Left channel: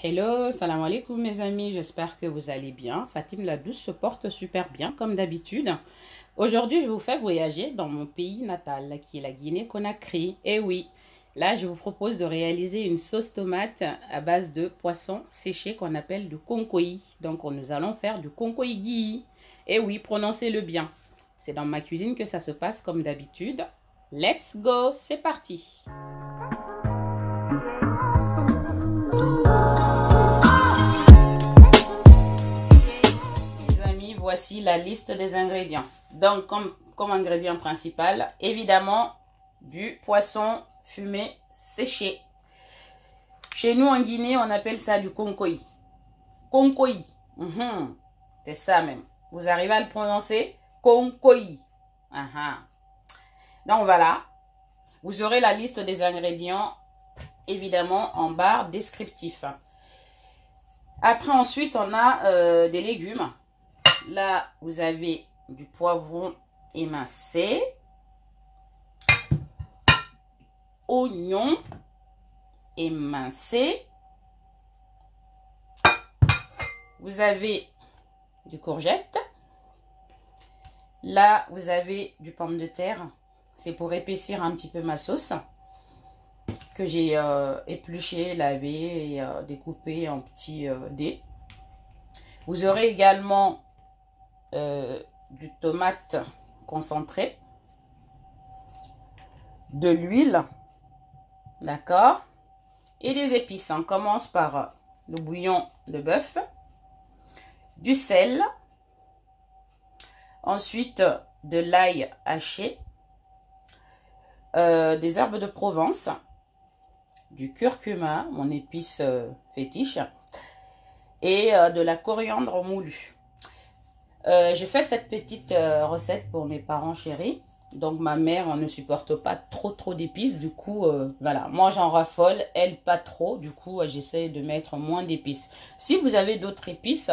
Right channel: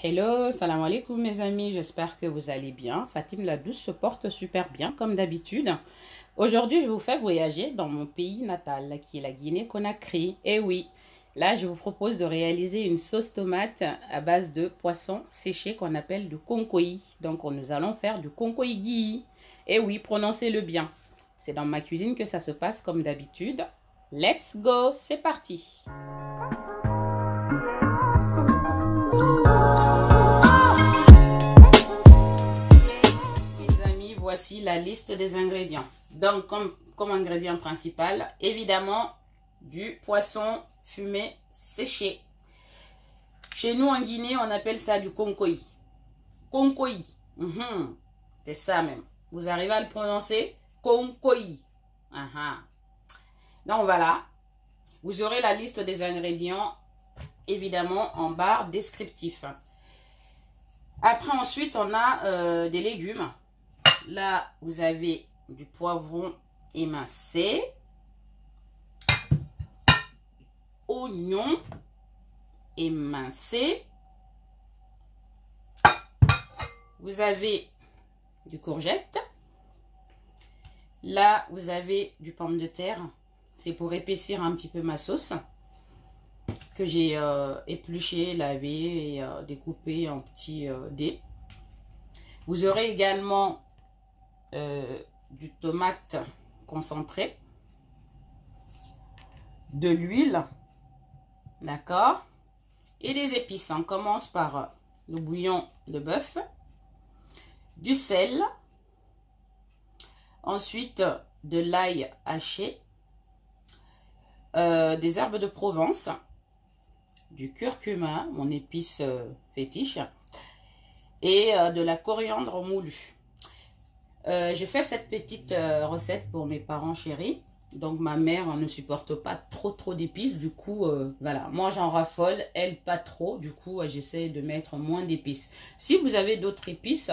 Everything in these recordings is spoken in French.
Hello, salam alaikum mes amis, j'espère que vous allez bien. Fatim la douce se porte super bien comme d'habitude. Aujourd'hui, je vous fais voyager dans mon pays natal qui est la Guinée-Conakry. Et oui, là je vous propose de réaliser une sauce tomate à base de poisson séché qu'on appelle du konkoï. Donc nous allons faire du konkoï gui. Et oui, prononcez-le bien. C'est dans ma cuisine que ça se passe comme d'habitude. Let's go, c'est parti! Voici la liste des ingrédients. Donc, comme ingrédient principal, évidemment, du poisson fumé séché. Chez nous, en Guinée, on appelle ça du konkoï. Konkoï. C'est ça même. Vous arrivez à le prononcer? Konkoï. Donc, voilà. Vous aurez la liste des ingrédients, évidemment, en barre descriptif. Après, ensuite, on a des légumes. Là, vous avez du poivron émincé, oignon émincé, vous avez du courgette, là, vous avez du pomme de terre, c'est pour épaissir un petit peu ma sauce, que j'ai épluché, lavé et découpé en petits dés. Vous aurez également du tomate concentré, de l'huile, d'accord, et des épices. On commence par le bouillon de bœuf, du sel, ensuite de l'ail haché, des herbes de Provence, du curcuma, mon épice fétiche, et de la coriandre moulue. J'ai fait cette petite recette pour mes parents chéris. Donc ma mère ne supporte pas trop d'épices. Du coup, voilà. Moi j'en raffole, elle pas trop. Du coup, j'essaie de mettre moins d'épices. Si vous avez d'autres épices,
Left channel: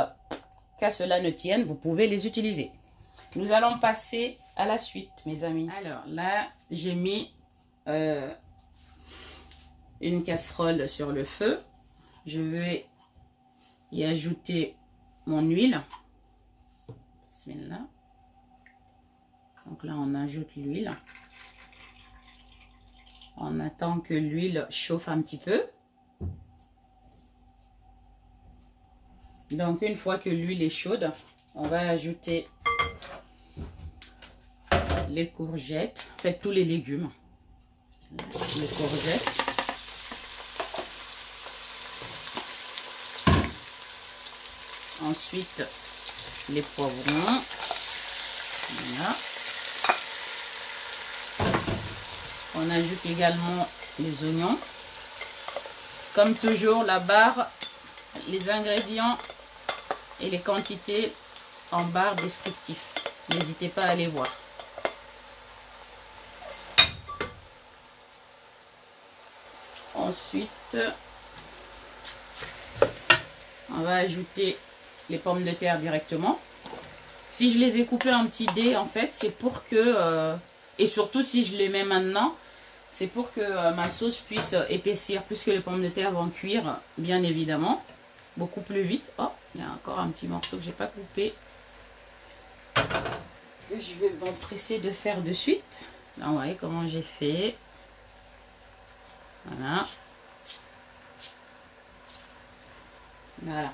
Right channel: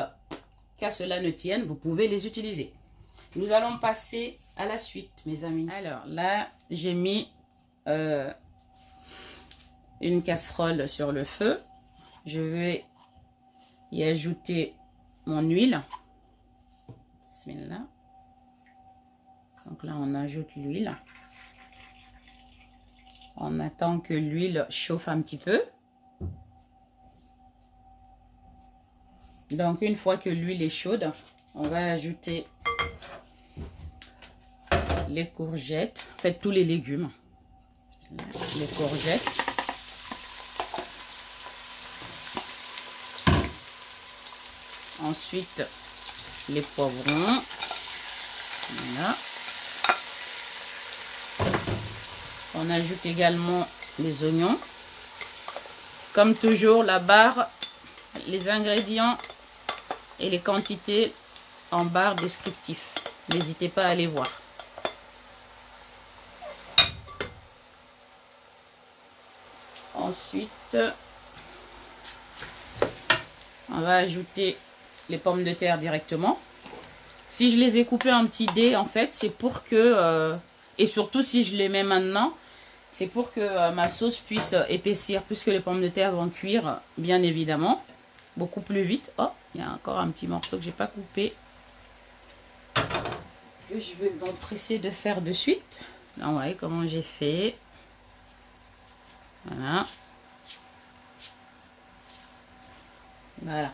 qu'à cela ne tienne, vous pouvez les utiliser. Nous allons passer à la suite, mes amis. Alors là, j'ai mis une casserole sur le feu. Je vais y ajouter mon huile. Là. Donc là, on ajoute l'huile. On attend que l'huile chauffe un petit peu. Donc, une fois que l'huile est chaude, on va ajouter les courgettes. En fait, tous les légumes. Les courgettes. Ensuite, les poivrons, voilà. On ajoute également les oignons. Comme toujours, la barre, les ingrédients et les quantités en barre descriptif. N'hésitez pas à aller voir. Ensuite, on va ajouter les pommes de terre directement. Si je les ai coupées en petits dés, en fait, c'est pour que, et surtout si je les mets maintenant, c'est pour que ma sauce puisse épaissir, puisque les pommes de terre vont cuire, bien évidemment, beaucoup plus vite. Oh, il y a encore un petit morceau que j'ai pas coupé, que je vais m'empresser de faire de suite. Là, vous voyez comment j'ai fait. Voilà. Voilà.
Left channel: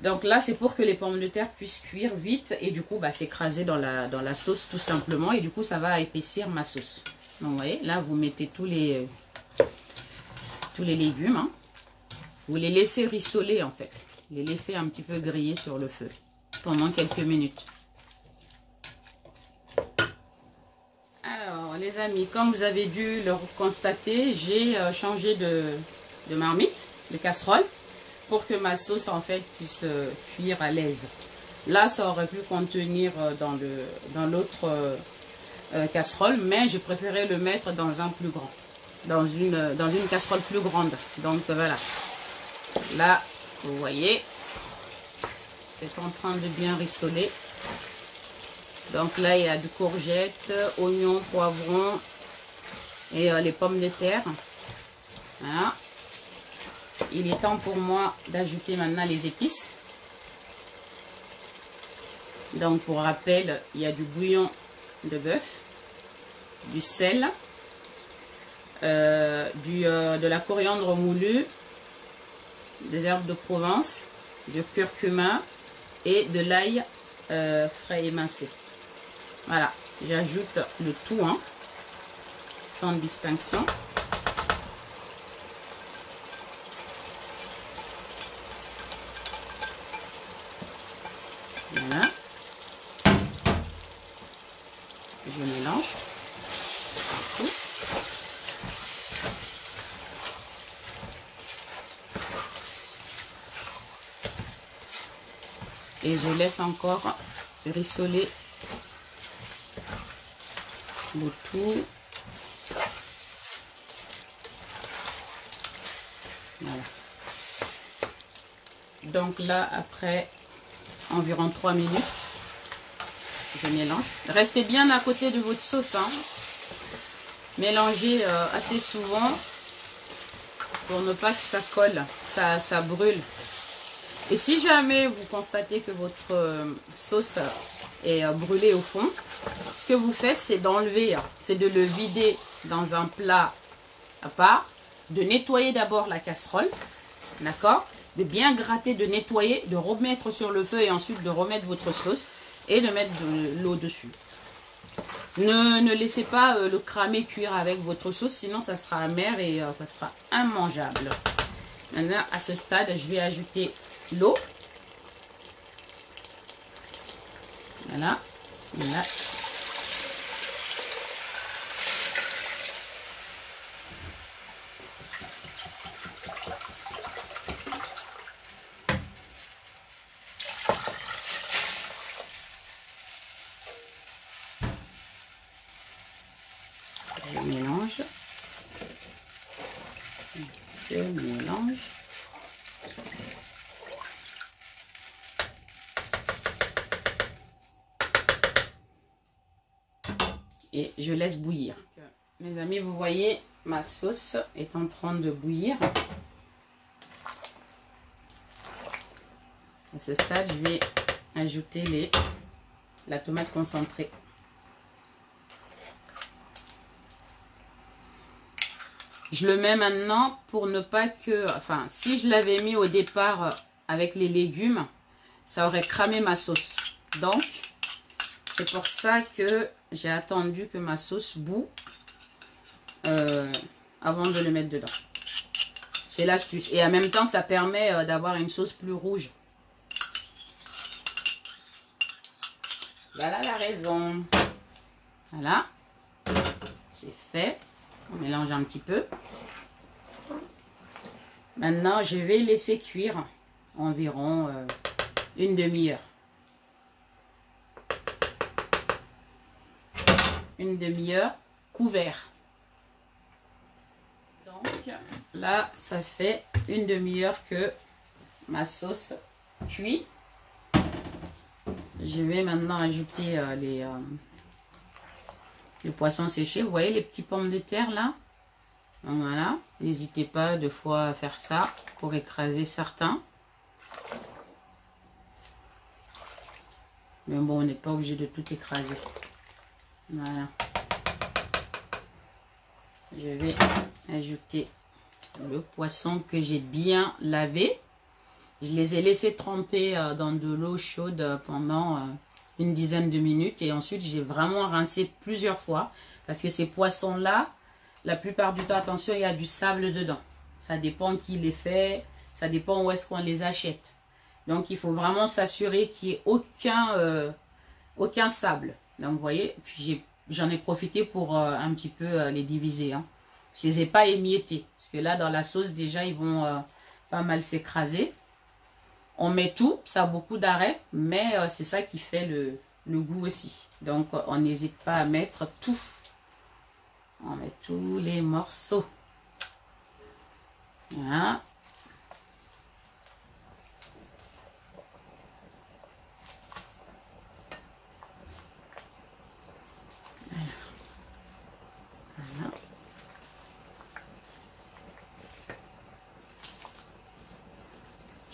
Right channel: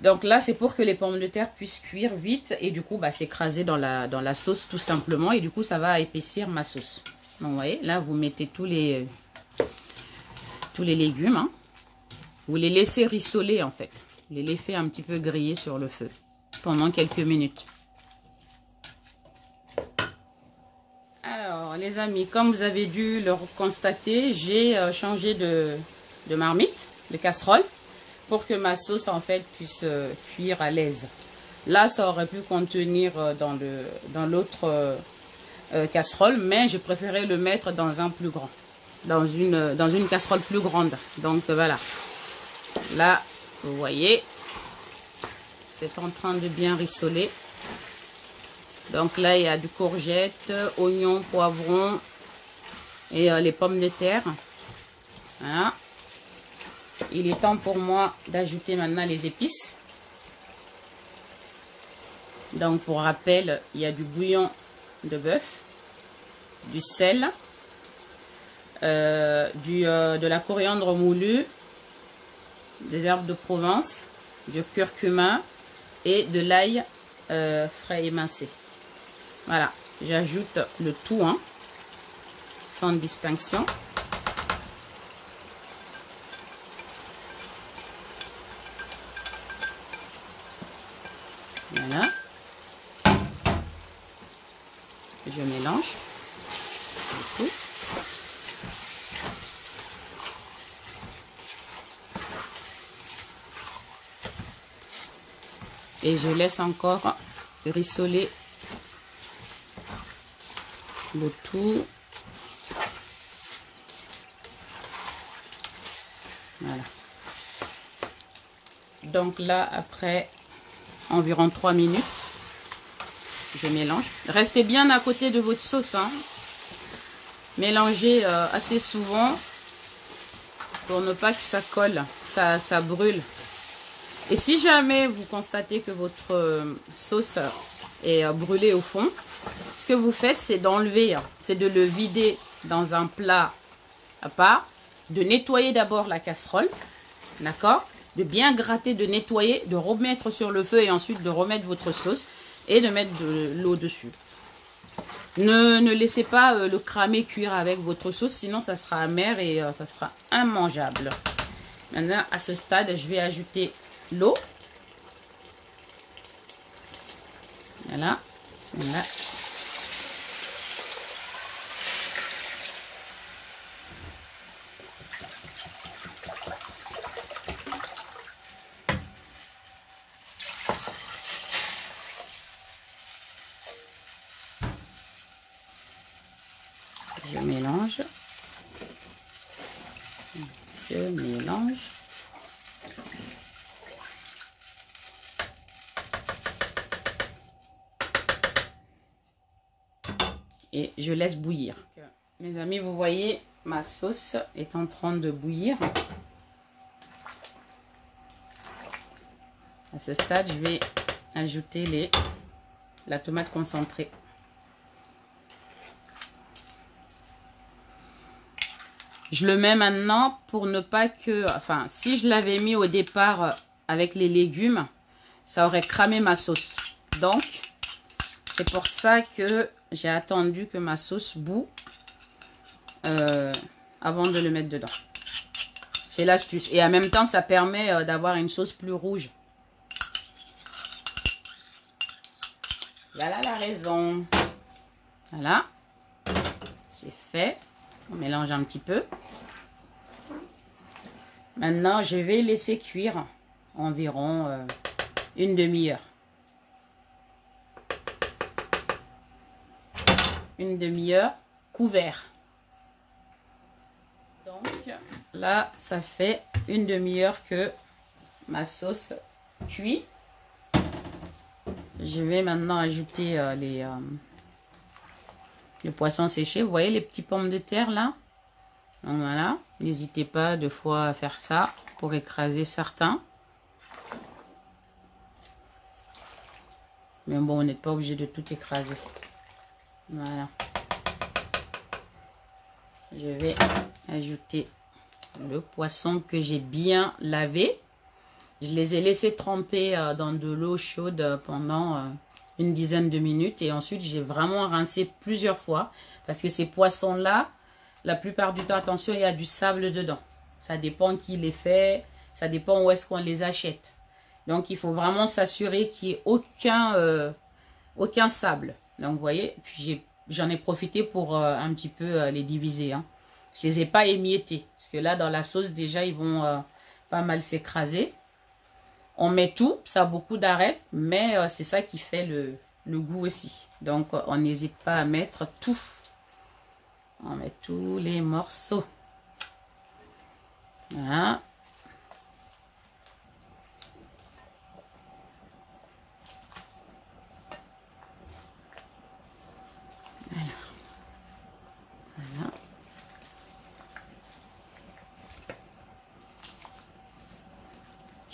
Donc là, c'est pour que les pommes de terre puissent cuire vite et du coup, s'écraser dans la sauce tout simplement. Et du coup, ça va épaissir ma sauce. Donc, vous voyez, là, vous mettez tous les légumes. Hein. Vous les laissez rissoler en fait. Vous les laissez un petit peu griller sur le feu pendant quelques minutes. Alors, les amis, comme vous avez dû le constater, j'ai changé de marmite, de casserole, pour que ma sauce en fait puisse cuire à l'aise. Là, ça aurait pu contenir dans l'autre casserole, mais j'ai préféré le mettre dans un plus grand, dans une casserole plus grande. Donc voilà. Là, vous voyez, c'est en train de bien rissoler. Donc là, il y a du courgette, oignon, poivron et les pommes de terre. Voilà. il est temps pour moi d'ajouter maintenant les épices. Donc pour rappel, il y a du bouillon de bœuf, du sel, de la coriandre moulue, des herbes de Provence, du curcuma et de l'ail frais émincé. Voilà, j'ajoute le tout, hein, sans distinction. Voilà. Je mélange. Et je laisse encore rissoler le tout. Voilà. Donc là, après environ 3 minutes, je mélange. Restez bien à côté de votre sauce, hein. Mélangez assez souvent pour ne pas que ça colle, ça brûle. Et si jamais vous constatez que votre sauce est brûlée au fond, ce que vous faites, c'est d'enlever, c'est de le vider dans un plat à part, de nettoyer d'abord la casserole, d'accord, de bien gratter, de nettoyer, de remettre sur le feu et ensuite de remettre votre sauce et de mettre de l'eau dessus. Ne laissez pas le cramer cuire avec votre sauce, sinon ça sera amer et ça sera immangeable. Maintenant, à ce stade, je vais ajouter l'eau. Voilà. Voilà. Je mélange. Je mélange. Et je laisse bouillir. Mes amis, vous voyez, ma sauce est en train de bouillir. À ce stade, je vais ajouter la tomate concentrée. Je le mets maintenant pour ne pas que... Enfin, si je l'avais mis au départ avec les légumes, ça aurait cramé ma sauce. Donc, c'est pour ça que j'ai attendu que ma sauce bout avant de le mettre dedans. C'est l'astuce. Et en même temps, ça permet d'avoir une sauce plus rouge. Voilà la raison. Voilà. C'est fait. On mélange un petit peu. Maintenant, je vais laisser cuire environ une demi-heure. Une demi-heure couvert. Donc là, ça fait une demi-heure que ma sauce cuit. Je vais maintenant ajouter les poissons séchés. Vous voyez les petits pommes de terre là? Donc voilà, n'hésitez pas deux fois à faire ça pour écraser certains. Mais bon, on n'est pas obligé de tout écraser. Voilà. Je vais ajouter le poisson que j'ai bien lavé. Je les ai laissés tremper dans de l'eau chaude pendant une dizaine de minutes. Et ensuite, j'ai vraiment rincé plusieurs fois. Parce que ces poissons-là, la plupart du temps, attention, il y a du sable dedans. Ça dépend qui les fait. Ça dépend où est-ce qu'on les achète. Donc, il faut vraiment s'assurer qu'il n'y ait aucun sable. Donc, vous voyez, puis j'en ai profité pour un petit peu les diviser. Hein. Je ne les ai pas émiettés. Parce que là, dans la sauce, déjà, ils vont pas mal s'écraser. On met tout, ça a beaucoup d'arrêt, mais c'est ça qui fait le goût aussi. Donc, on n'hésite pas à mettre tout. On met tous les morceaux. Voilà. Voilà.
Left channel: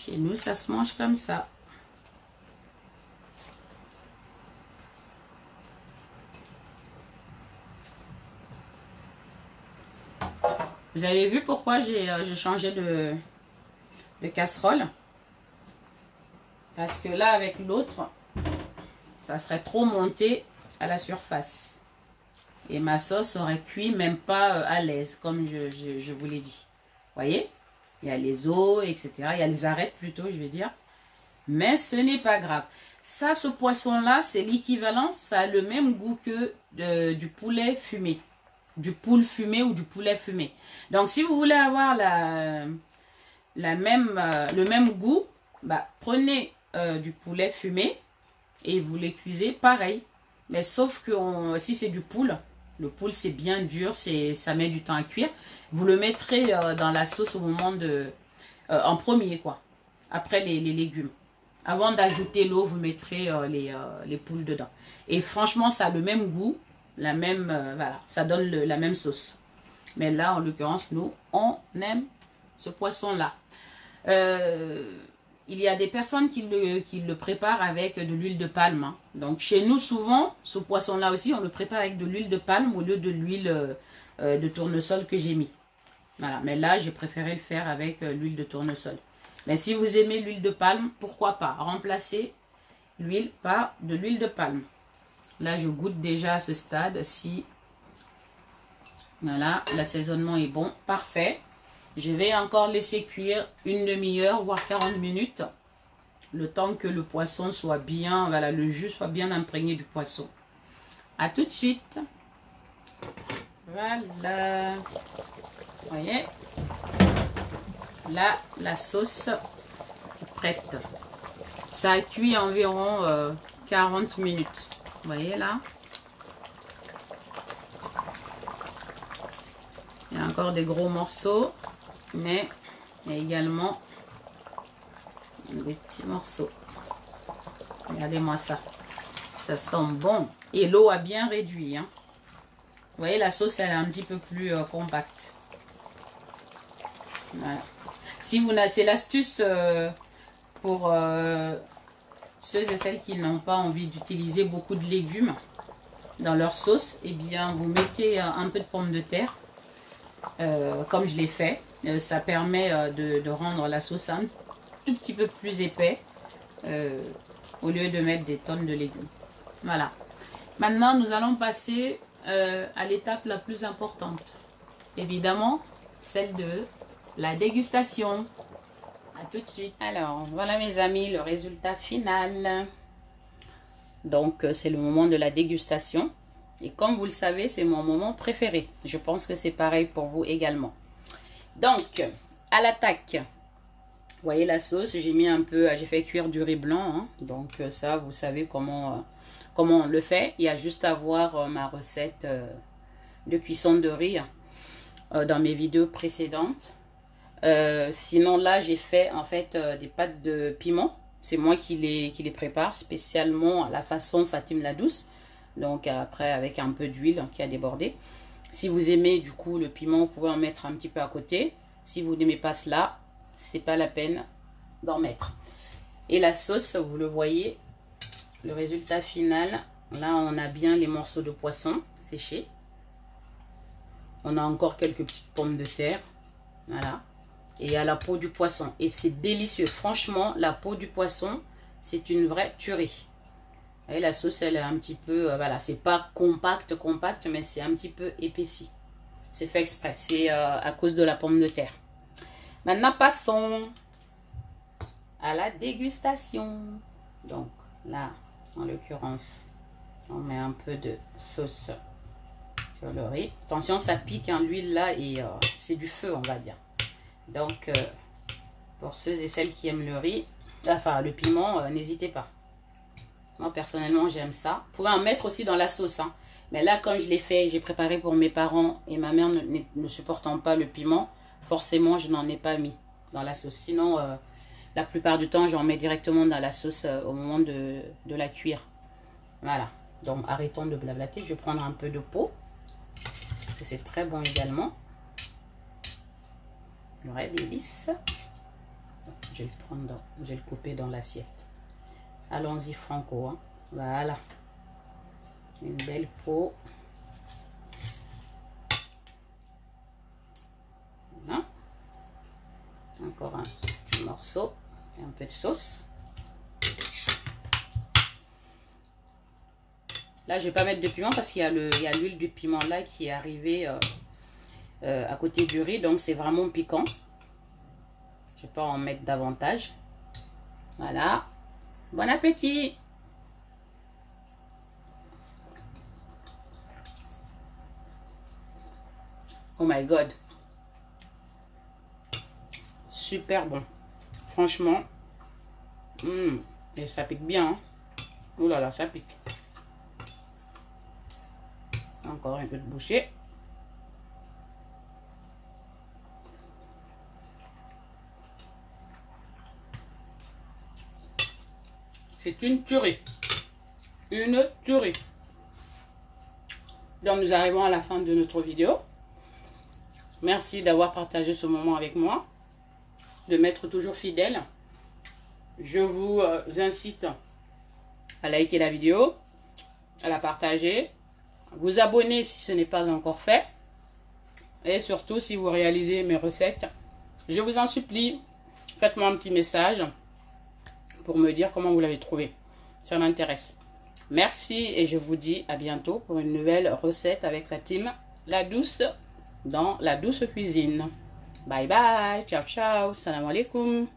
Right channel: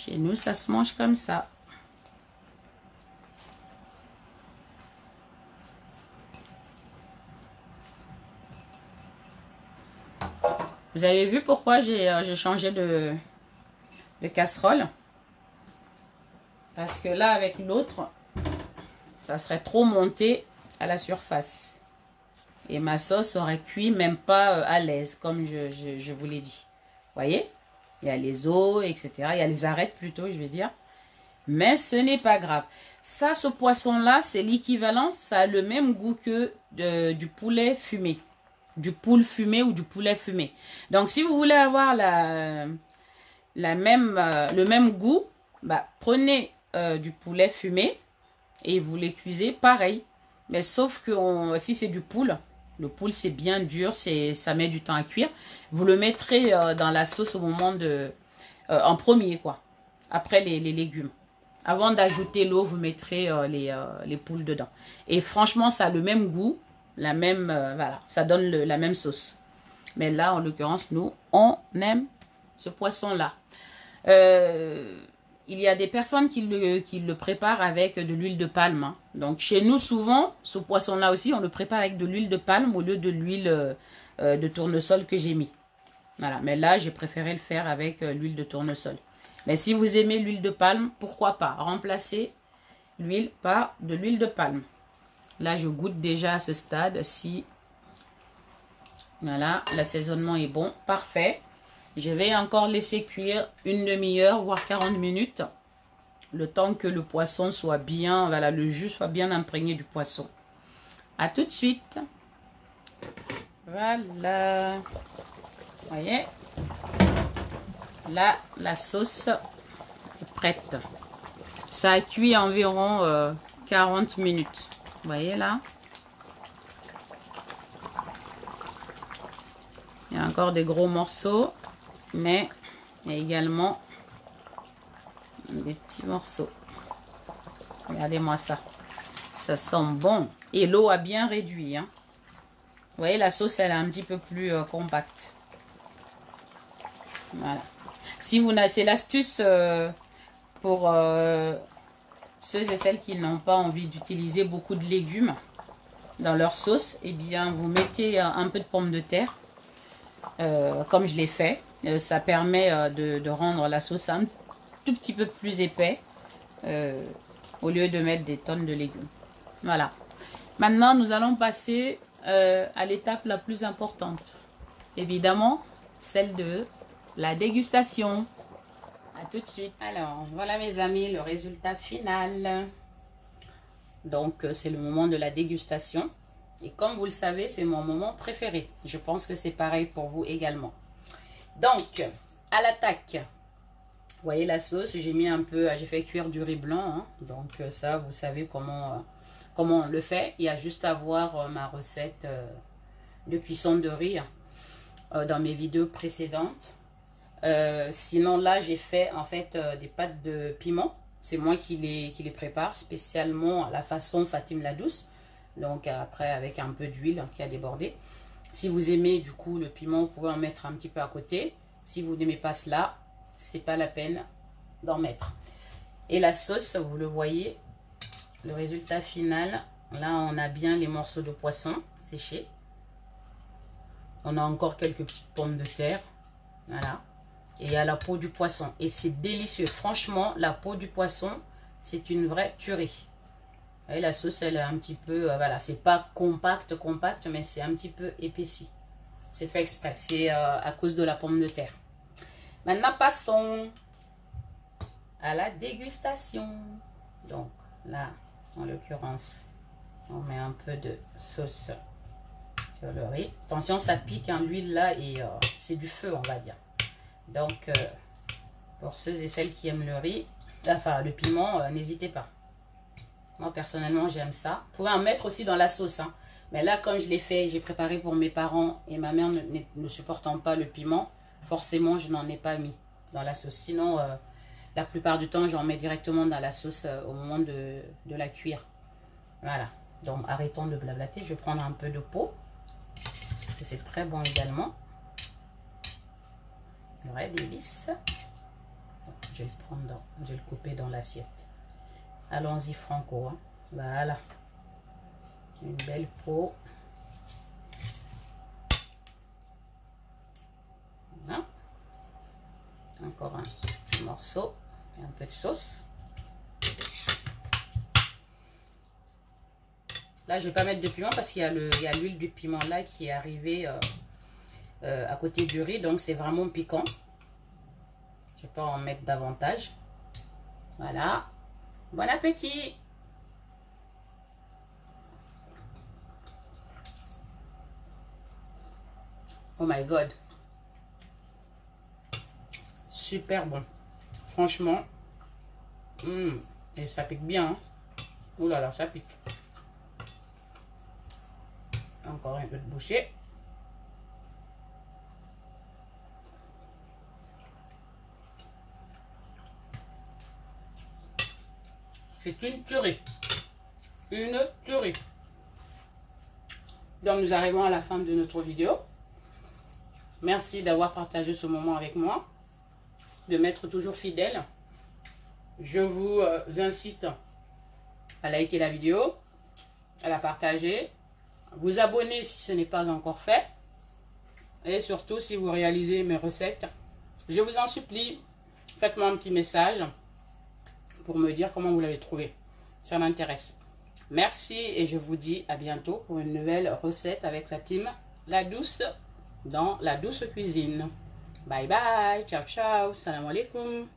Chez nous, ça se mange comme ça. Vous avez vu pourquoi j'ai changé de casserole? Parce que là, avec l'autre, ça serait trop monté à la surface. Et ma sauce aurait cuit même pas à l'aise, comme je vous l'ai dit. Vous voyez? Il y a les os, etc. Il y a les arêtes plutôt, je vais dire. Mais ce n'est pas grave. Ça, ce poisson-là, c'est l'équivalent. Ça a le même goût que du poulet fumé. Du poule fumé ou du poulet fumé. Donc, si vous voulez avoir le même goût, bah, prenez du poulet fumé et vous les cuisez pareil. Mais sauf que si c'est du poule, le poule c'est bien dur, ça met du temps à cuire. Vous le mettrez dans la sauce au moment en premier quoi, après les légumes. Avant d'ajouter l'eau, vous mettrez les poules dedans. Et franchement, ça a le même goût, voilà, ça donne la même sauce. Mais là, en l'occurrence, nous, on aime ce poisson-là. Il y a des personnes qui le préparent avec de l'huile de palme. Hein. Donc, chez nous, souvent, ce poisson-là aussi, on le prépare avec de l'huile de palme au lieu de l'huile de tournesol que j'ai mis. Voilà. Mais là, j'ai préféré le faire avec l'huile de tournesol. Mais si vous aimez l'huile de palme, pourquoi pas remplacer l'huile par de l'huile de palme. Là, je goûte déjà à ce stade si voilà, l'assaisonnement est bon, parfait. Je vais encore laisser cuire une demi-heure, voire 40 minutes, le temps que le poisson soit bien, voilà, le jus soit bien imprégné du poisson. À tout de suite. Voilà. Vous voyez? Là, la sauce est prête. Ça a cuit environ 40 minutes. Vous voyez là? Il y a encore des gros morceaux, mais il y a également des petits morceaux. Regardez-moi ça. Ça sent bon. Et l'eau a bien réduit. Hein. Vous voyez, la sauce, elle est un petit peu plus compacte. Voilà. Si vous n'avez, c'est l'astuce pour ceux et celles qui n'ont pas envie d'utiliser beaucoup de légumes dans leur sauce. Eh bien, vous mettez un peu de pommes de terre. Comme je l'ai fait, ça permet de rendre la sauce un tout petit peu plus épais au lieu de mettre des tonnes de légumes. Voilà. Maintenant, nous allons passer à l'étape la plus importante. Évidemment, celle de la dégustation. À tout de suite. Alors, voilà mes amis, le résultat final. Donc, c'est le moment de la dégustation. Et comme vous le savez, c'est mon moment préféré. Je pense que c'est pareil pour vous également. Donc, à l'attaque. Vous voyez la sauce, j'ai mis un peu, j'ai fait cuire du riz blanc. Hein. Donc ça, vous savez comment on le fait. Il y a juste à voir ma recette de cuisson de riz dans mes vidéos précédentes. Sinon là, j'ai fait en fait des pâtes de piment. C'est moi qui les prépare spécialement à la façon Fatim la Douce. Donc après avec un peu d'huile qui a débordé. Si vous aimez du coup le piment, vous pouvez en mettre un petit peu à côté. Si vous n'aimez pas cela, c'est pas la peine d'en mettre. Et la sauce, vous le voyez, le résultat final. Là, on a bien les morceaux de poisson séchés. On a encore quelques petites pommes de terre. Voilà. Et il y a la peau du poisson. Et c'est délicieux. Franchement, la peau du poisson, c'est une vraie tuerie. Et la sauce, elle est un petit peu, voilà, c'est pas compact, mais c'est un petit peu épaissi. C'est fait exprès. C'est à cause de la pomme de terre. Maintenant, passons à la dégustation. Donc, là, en l'occurrence, on met un peu de sauce sur le riz. Attention, ça pique, hein, l'huile là, et c'est du feu, on va dire. Donc, pour ceux et celles qui aiment le riz, enfin, le piment, n'hésitez pas. Moi, personnellement, j'aime ça. Vous pouvez en mettre aussi dans la sauce, hein. Mais là, comme je l'ai fait, j'ai préparé pour mes parents et ma mère ne supportant pas le piment, forcément, je n'en ai pas mis dans la sauce. Sinon, la plupart du temps, j'en mets directement dans la sauce au moment de la cuire. Voilà. Donc, arrêtons de blablater. Je vais prendre un peu de peau. Parce que c'est très bon également. Le vrai délice. je vais le prendre, je vais le couper dans l'assiette. Allons-y franco, hein. Voilà. Une belle peau. Voilà. Encore un petit morceau. Et un peu de sauce. Là, je ne vais pas mettre de piment parce qu'il y a l'huile du piment là qui est arrivée à côté du riz. Donc, c'est vraiment piquant. Je ne vais pas en mettre davantage. Voilà. Bon appétit! Oh my god! Super bon. Franchement. Et ça pique bien. Hein? Ouh là là, ça pique. Encore un peu de bouchée. C'est une tuerie. Une tuerie. Donc nous arrivons à la fin de notre vidéo. Merci d'avoir partagé ce moment avec moi. De m'être toujours fidèle. Je vous incite à liker la vidéo. À la partager. Vous abonner si ce n'est pas encore fait. Et surtout si vous réalisez mes recettes. Je vous en supplie. Faites-moi un petit message. Pour me dire comment vous l'avez trouvé. Ça m'intéresse. Merci et je vous dis à bientôt pour une nouvelle recette avec la team La Douce dans La Douce Cuisine. Bye bye. Ciao ciao. Salam alaikum.